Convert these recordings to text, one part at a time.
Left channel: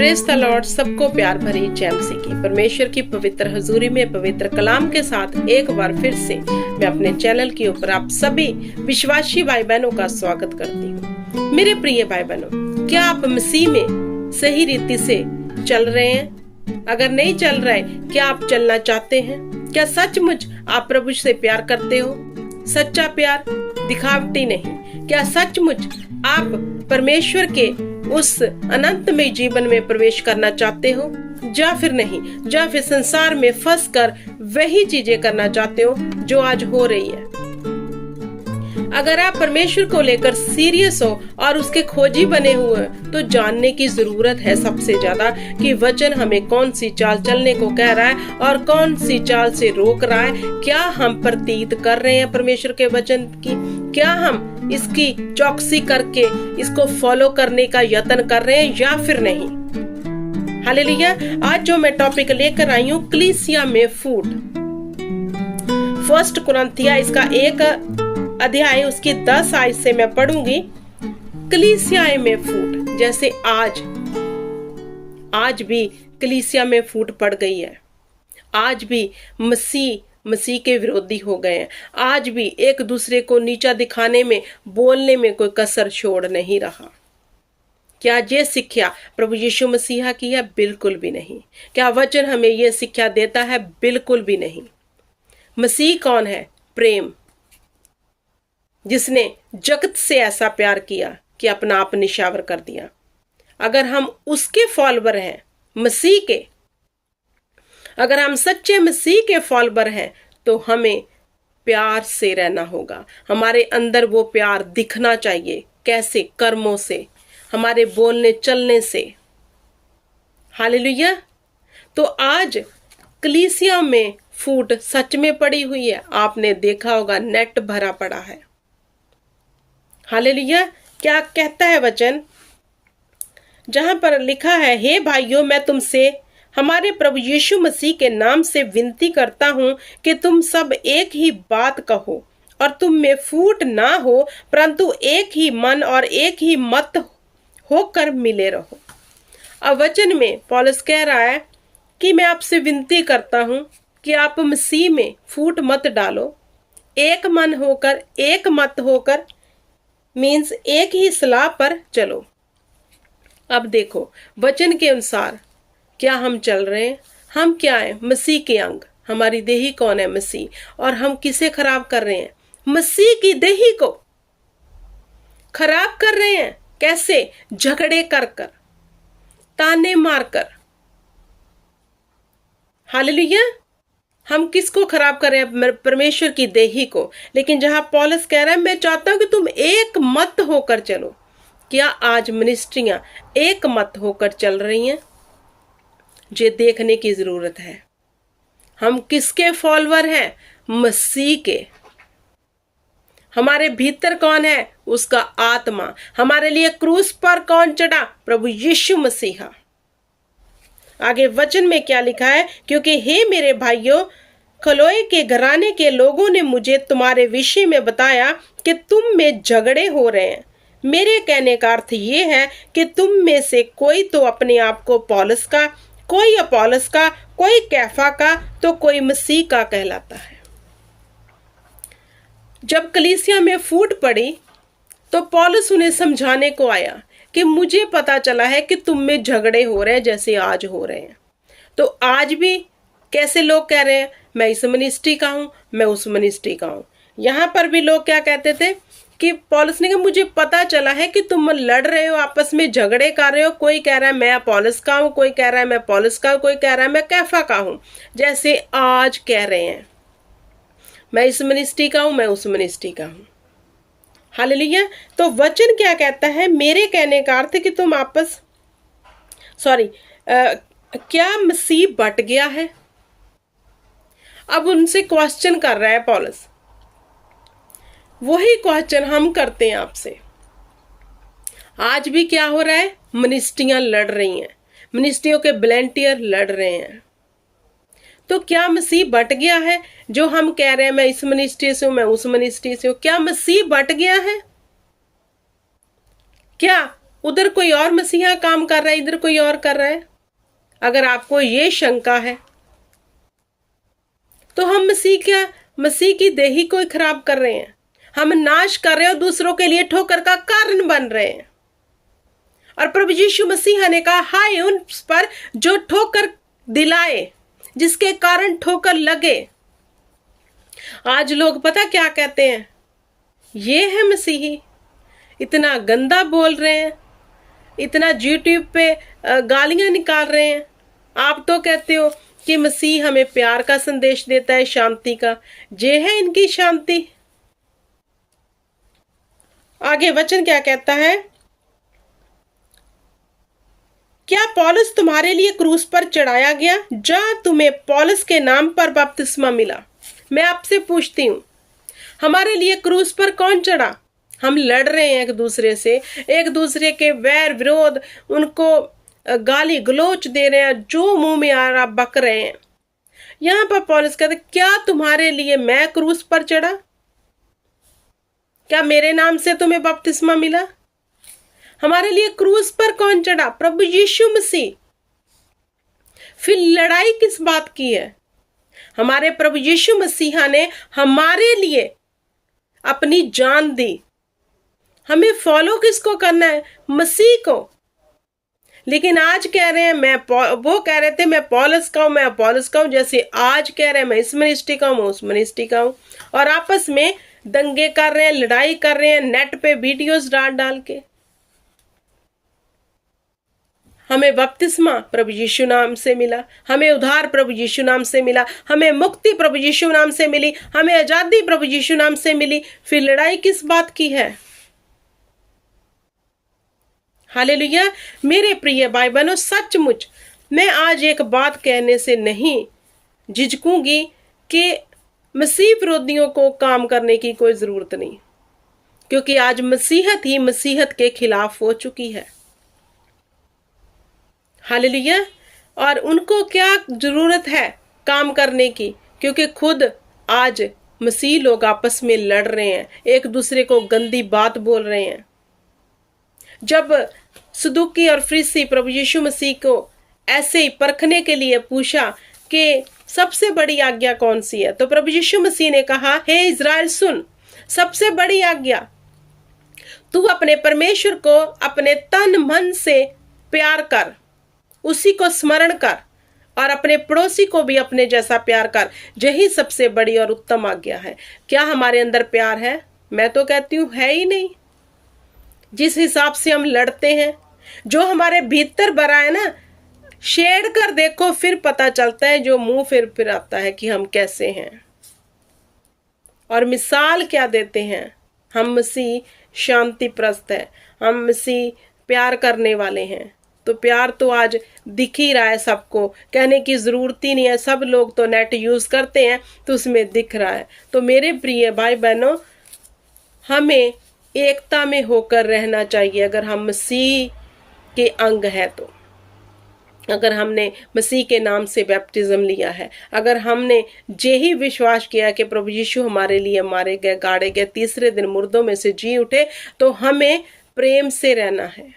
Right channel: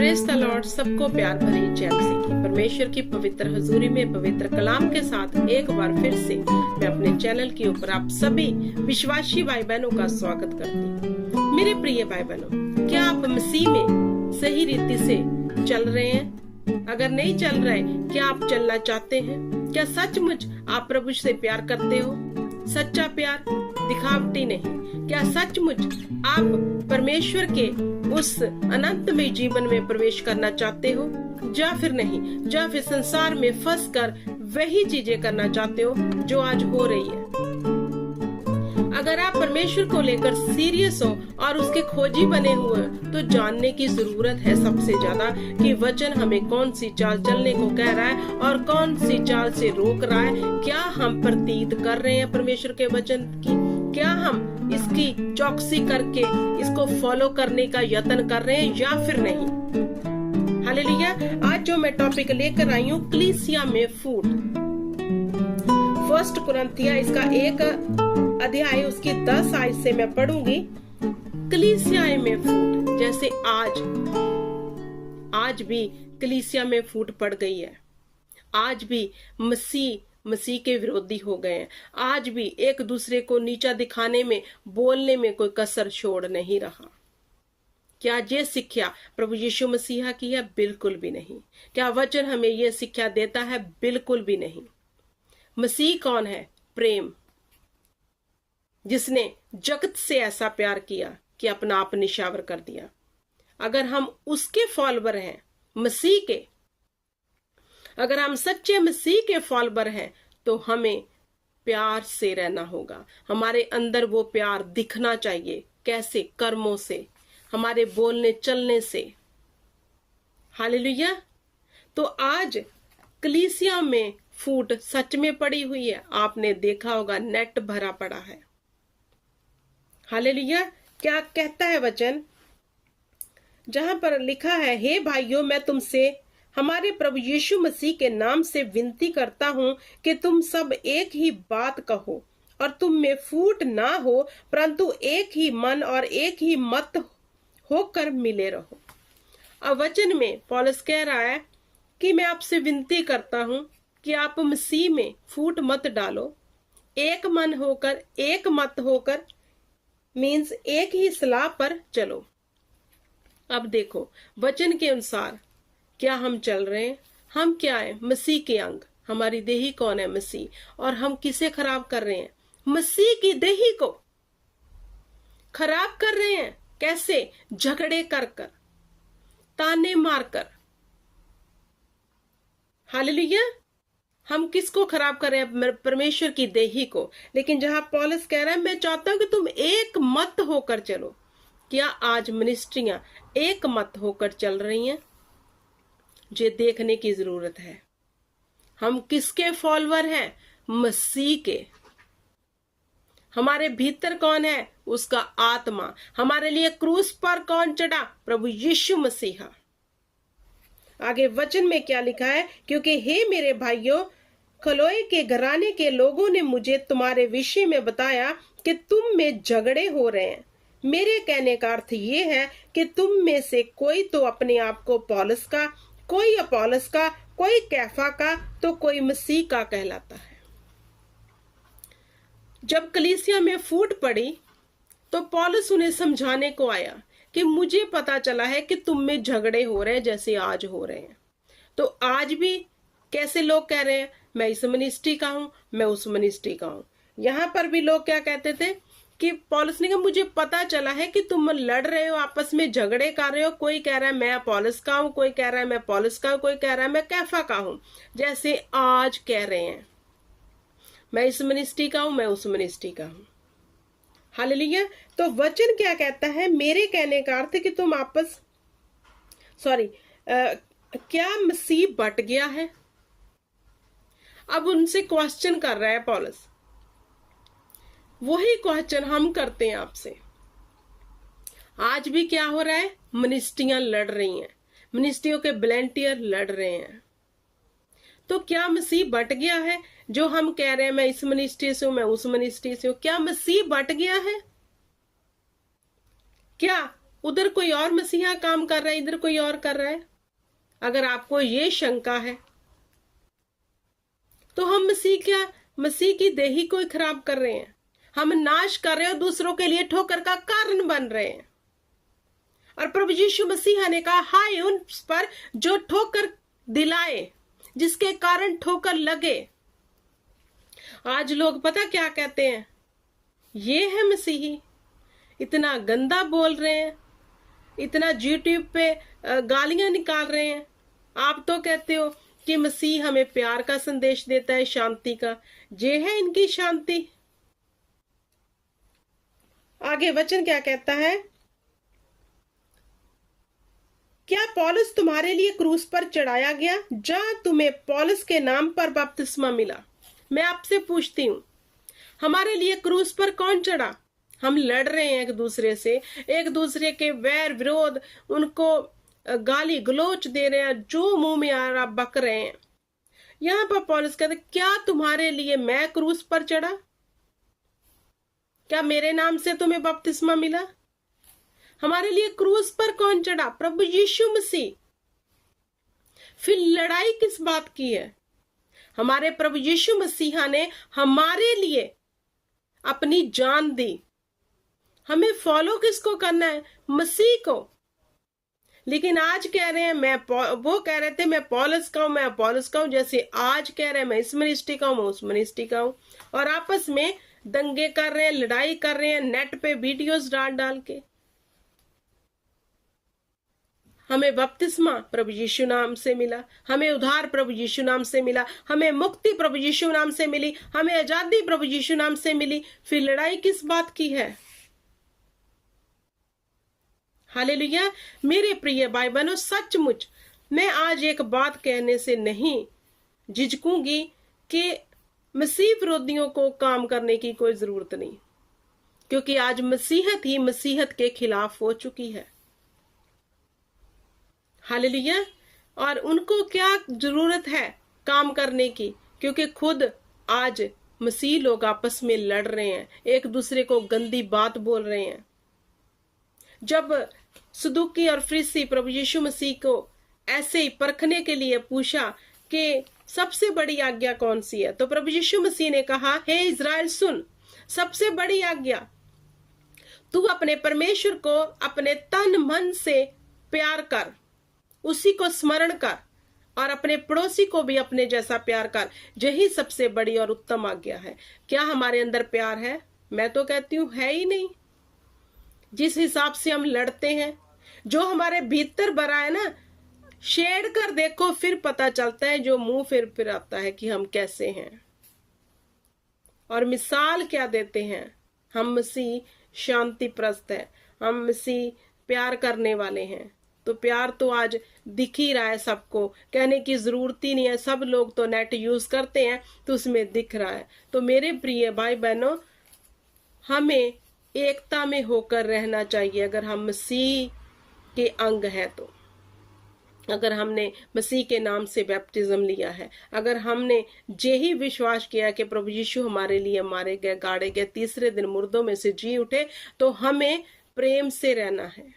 Praise the Lord. सबको प्यार भरी जय मसीह की। परमेश्वर की पवित्र हजूरी में पवित्र कलाम के साथ एक बार फिर से मैं अपने चैनल के ऊपर आप सभी विश्वासी भाई बहनों का स्वागत करती हूँ। मेरे प्रिय भाई बहनों, क्या आप मसीह में सही रीति से चल रहे हैं? अगर नहीं चल रहे, क्या आप चलना चाहते हैं? क्या सचमुच आप प्रभु से प्यार करते हो? सच्चा प्यार, दिखावटी नहीं। क्या सचमुच आप परमेश्वर के उस अनंतमय जीवन में प्रवेश करना चाहते हो, या फिर नहीं, या फिर संसार में फंस कर वही चीजें करना चाहते हो जो आज हो रही है? अगर आप परमेश्वर को लेकर सीरियस हो और उसके खोजी बने हुए तो जानने की जरूरत है सबसे ज्यादा कि वचन हमें कौन सी चाल चलने को कह रहा है और कौन सी चाल से रोक रहा है। क्या हम प्रतीत कर रहे हैं परमेश्वर के वचन की? क्या हम इसकी चौकसी करके इसको फॉलो करने का यत्न कर रहे हैं या फिर नहीं? हालेलुया। आज जो मैं टॉपिक लेकर आई हूँ, कलीसिया में फूट। 1 कुरिन्थिया इसका 1 अध्याय उसकी 10 आयत से मैं पढ़ूंगी। कलीसिया में फूट, जैसे आज भी कलीसिया में फूट पड़ गई है। आज भी मसीह के विरोधी हो गए हैं। आज भी एक दूसरे को नीचा दिखाने में, बोलने में कोई कसर छोड़ नहीं रहा। क्या ये शिक्षा प्रभु यीशु मसीहा की है? बिल्कुल भी नहीं। क्या वचन हमें ये शिक्षा देता है? बिल्कुल भी नहीं। मसीह कौन है? प्रेम, जिसने जगत से ऐसा प्यार किया कि अपना आप निछावर कर दिया। अगर हम उसके फॉलोवर हैं, मसीह के, अगर हम सच्चे मसीह के फॉलोवर हैं, तो हमें प्यार से रहना होगा। हमारे अंदर वो प्यार दिखना चाहिए। कैसे? कर्मों से, हमारे बोलने चलने से। हालेलुया। तो आज कलीसिया में फूट सच में पड़ी हुई है। आपने देखा होगा, नेट भरा पड़ा है। हालेलुया। क्या कहता है वचन? जहां पर लिखा है, हे भाइयों, मैं तुमसे हमारे प्रभु यीशु मसीह के नाम से विनती करता हूं कि तुम सब एक ही बात कहो और तुम में फूट ना हो, परंतु एक ही मन और एक ही मत होकर मिले रहो। अब वचन में पौलुस कह रहा है कि मैं आपसे विनती करता हूं कि आप मसीह में फूट मत डालो। एक मन होकर, एक मत होकर मीन्स एक ही सलाह पर चलो। अब देखो, वचन के अनुसार क्या हम चल रहे हैं? हम क्या हैं? मसीह के अंग। हमारी देही कौन है? मसीह। और हम किसे खराब कर रहे हैं? मसीह की देही को खराब कर रहे हैं। कैसे? झगड़े कर कर, ताने मारकर। हालेलुया। हम किसको खराब कर रहे हैं? परमेश्वर की देही को। लेकिन जहां पौलुस कह रहा है, मैं चाहता हूं कि तुम एक मत होकर चलो। क्या आज मिनिस्ट्रियां एक मत होकर चल रही हैं? ये देखने की जरूरत है। हम किसके फॉलोवर हैं? मसीह के। हमारे भीतर कौन है? उसका आत्मा। हमारे लिए क्रूस पर कौन चढ़ा? प्रभु यीशु मसीहा। आगे वचन में क्या लिखा है? क्योंकि हे मेरे भाइयों, खलोए के घराने के लोगों ने मुझे तुम्हारे विषय में बताया कि तुम में झगड़े हो रहे हैं। मेरे कहने का अर्थ ये है कि तुम में से कोई तो अपने आप को पौलुस का, कोई अपोलोस का, कोई कैफा का, तो कोई मसीह का कहलाता है। जब कलीसिया में फूट पड़ी तो पौलुस उन्हें समझाने को आया कि मुझे पता चला है कि तुम में झगड़े हो रहे हैं जैसे आज हो रहे हैं। तो आज भी कैसे लोग कह रहे हैं, मैं इस मिनिस्ट्री का हूं, मैं उस मिनिस्ट्री का हूं। यहां पर भी लोग क्या कहते थे कि पौलुस ने कहा, मुझे पता चला है कि तुम लड़ रहे हो, आपस में झगड़े कर रहे हो। कोई कह रहा है मैं अपोलोस का हूं, कोई कह रहा है मैं पौलुस का हूं, कोई कह रहा है मैं कैफा का हूं। जैसे आज कह रहे हैं, मैं इस मिनिस्ट्री का हूं, मैं उस मिनिस्ट्री का हूं। हालेलुया। तो वचन क्या कहता है? मेरे कहने का अर्थ कि तुम क्या मसीह बट गया है? अब उनसे क्वेश्चन कर रहा है पौलुस। वही क्वेश्चन हम करते हैं आपसे। आज भी क्या हो रहा है? मिनिस्ट्रियां लड़ रही हैं, मिनिस्ट्रियों के वॉलंटियर लड़ रहे हैं। तो क्या मसीह बट गया है? जो हम कह रहे हैं मैं इस मिनिस्ट्री से हूं, मैं उस मिनिस्ट्री से हूं, क्या मसीह बट गया है? क्या उधर कोई और मसीहा काम कर रहा है, इधर कोई और कर रहा है। अगर आपको ये शंका है तो हम मसीह की देही को खराब कर रहे हैं, हम नाश कर रहे हैं और दूसरों के लिए ठोकर का कारण बन रहे हैं। और प्रभु यीशु मसीह ने कहा, हाय उन पर जो ठोकर दिलाए, जिसके कारण ठोकर लगे। आज लोग पता क्या कहते हैं, ये है मसीही, इतना गंदा बोल रहे हैं, इतना यूट्यूब पे गालियां निकाल रहे हैं। आप तो कहते हो कि मसीह हमें प्यार का संदेश देता है, शांति का। ये है इनकी शांति। आगे वचन क्या कहता है, क्या पौलुस तुम्हारे लिए क्रूस पर चढ़ाया गया, जहां तुम्हें पौलुस के नाम पर बपतिस्मा मिला? मैं आपसे पूछती हूं, हमारे लिए क्रूस पर कौन चढ़ा? हम लड़ रहे हैं एक दूसरे से, एक दूसरे के वैर विरोध, उनको गाली गलोच दे रहे हैं, जो मुंह में आ रहा बक रहे हैं। यहां पर पौलुस कहते, क्या तुम्हारे लिए मैं क्रूस पर चढ़ा? क्या मेरे नाम से तुम्हें बपतिस्मा मिला? हमारे लिए क्रूस पर कौन चढ़ा? प्रभु यीशु मसीह। फिर लड़ाई किस बात की है? हमारे प्रभु यीशु मसीहा ने हमारे लिए अपनी जान दी। हमें फॉलो किसको करना है? मसीह को। लेकिन आज कह रहे हैं वो कह रहे थे मैं पौलुस का हूं, मैं अपोलोस का हूं, जैसे आज कह रहे हैं मैं इस मिनिस्ट्री का हूं, मैं उस मिनिस्ट्री का हूं, और आपस में दंगे कर रहे हैं, लड़ाई कर रहे हैं, नेट पे वीडियोस डाल के। हमें बपतिस्मा प्रभु यीशु नाम से मिला, हमें उद्धार प्रभु यीशु नाम से मिला, हमें मुक्ति प्रभु यीशु नाम से मिली, हमें आजादी प्रभु यीशु नाम से मिली। फिर लड़ाई किस बात की है? हालेलुया। मेरे प्रिय भाई बहनों, सचमुच मैं आज एक बात कहने से नहीं झिझकूंगी कि मसीह विरोधियों को काम करने की कोई जरूरत नहीं, क्योंकि आज मसीहत ही मसीहत के खिलाफ हो चुकी है। हालेलुया। और उनको क्या जरूरत है काम करने की, क्योंकि खुद आज मसीह लोग आपस में लड़ रहे हैं, एक दूसरे को गंदी बात बोल रहे हैं। जब सदूकी और फरीसी प्रभु यीशु मसीह को ऐसे ही परखने के लिए पूछा कि सबसे बड़ी आज्ञा कौन सी है, तो प्रभु यीशु मसीह ने कहा, हे इज़राइल सुन, सबसे बड़ी आज्ञा, तू अपने परमेश्वर को अपने तन मन से प्यार कर, उसी को स्मरण कर, और अपने पड़ोसी को भी अपने जैसा प्यार कर। यही सबसे बड़ी और उत्तम आज्ञा है। क्या हमारे अंदर प्यार है? मैं तो कहती हूँ है ही नहीं। जिस हिसाब से हम लड़ते हैं, जो हमारे भीतर भरा है ना, शेड कर देखो, फिर पता चलता है, जो मुंह फिर आता है कि हम कैसे हैं। और मिसाल क्या देते हैं? हम मसीह शांति प्रस्त है, हम मसीह प्यार करने वाले हैं। तो प्यार तो आज दिख ही रहा है सबको, कहने की जरूरत ही नहीं है। सब लोग तो नेट यूज करते हैं तो उसमें दिख रहा है। तो मेरे प्रिय भाई बहनों, हमें एकता में होकर रहना चाहिए। अगर हम मसीह के अंग है, तो अगर हमने मसीह के नाम से बैप्टिज्म लिया है, अगर हमने यही विश्वास किया कि प्रभु यीशु हमारे लिए मारे गए, गाड़े गए, तीसरे दिन मुर्दों में से जी उठे, तो हमें प्रेम से रहना है।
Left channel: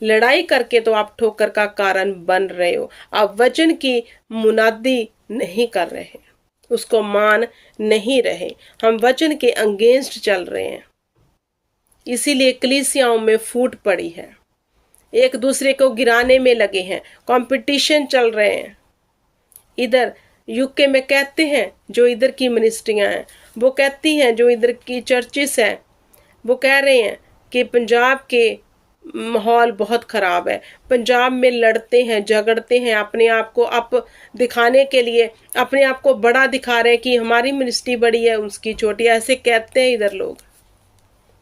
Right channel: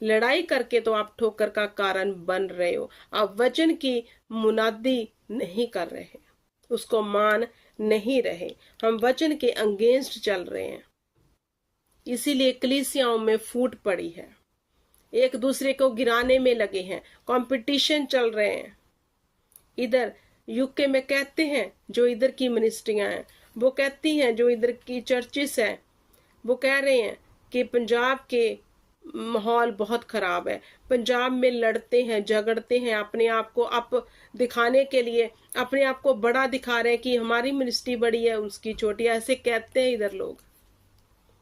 लड़ाई करके तो आप ठोकर का कारण बन रहे हो, आप वचन की मुनादी नहीं कर रहे, उसको मान नहीं रहे, हम वचन के अगेंस्ट चल रहे हैं। इसीलिए कलीसियाओं में फूट पड़ी है, एक दूसरे को गिराने में लगे हैं, कंपटीशन चल रहे हैं। इधर यूके में कहते हैं, जो इधर की मिनिस्ट्रियां हैं वो कहती हैं, जो इधर की चर्चिस हैं वो कह रहे हैं कि पंजाब के माहौल बहुत ख़राब है, पंजाब में लड़ते हैं, झगड़ते हैं, अपने आप को अप दिखाने के लिए अपने आप को बड़ा दिखा रहे हैं कि हमारी मिनिस्ट्री बड़ी है, उसकी छोटी, ऐसे कहते हैं इधर लोग।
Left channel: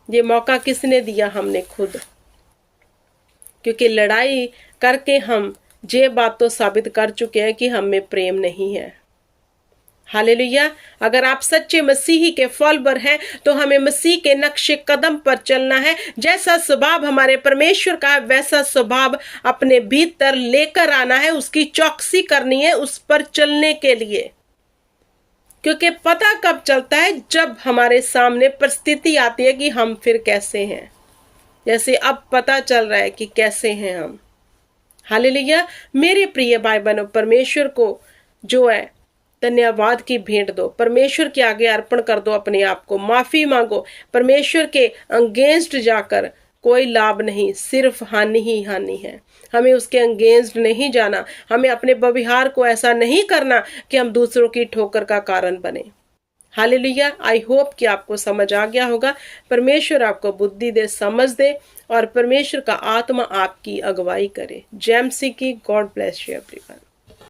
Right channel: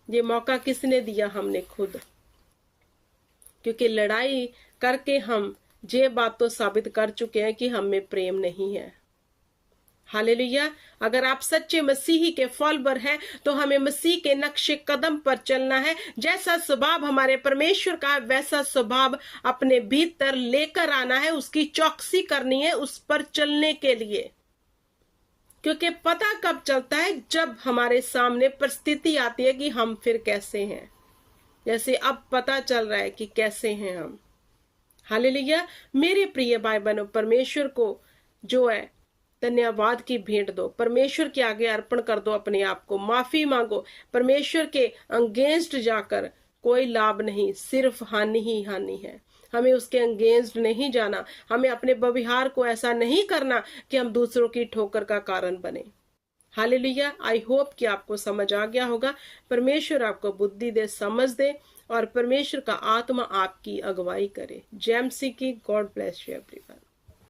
ये मौका किसने दिया? हमने खुद। क्योंकि लड़ाई करके हम ये बात तो साबित कर चुके हैं कि हम में प्रेम नहीं है। हालेलुया। अगर आप सच्चे मसीही के फॉलोअर हैं तो हमें मसीह के नक्शे कदम पर चलना है। जैसा स्वभाव हमारे परमेश्वर का है वैसा स्वभाव अपने भीतर लेकर आना है, उसकी चौकसी करनी है उस पर चलने के लिए। क्योंकि पता कब चलता है? जब हमारे सामने परिस्थिति आती है कि हम फिर कैसे हैं। जैसे अब पता चल रहा है कि कैसे हैं हम। हालेलुया। मेरे प्रिय भाई बहनों, परमेश्वर को जो है धन्यवाद की भेंट दो, परमेश्वर के आगे अर्पण कर दो अपने आप को, माफी मांगो। परमेश्वर के अगेंस्ट जाकर कोई लाभ नहीं, सिर्फ हानि ही हानि है। हमें उसके अगेंस्ट नहीं जाना, हमें अपने व्यवहार को ऐसा नहीं करना कि हम दूसरों की ठोकर का कारण बने। हालेलुया। आई होप कि आपको समझ आ गया होगा। परमेश्वर आपको बुद्धि दे, समझ दे, और परमेश्वर का आत्मा आपकी अगुवाई करे। जेएमसी की गॉड ब्लेस यू एवरीवन।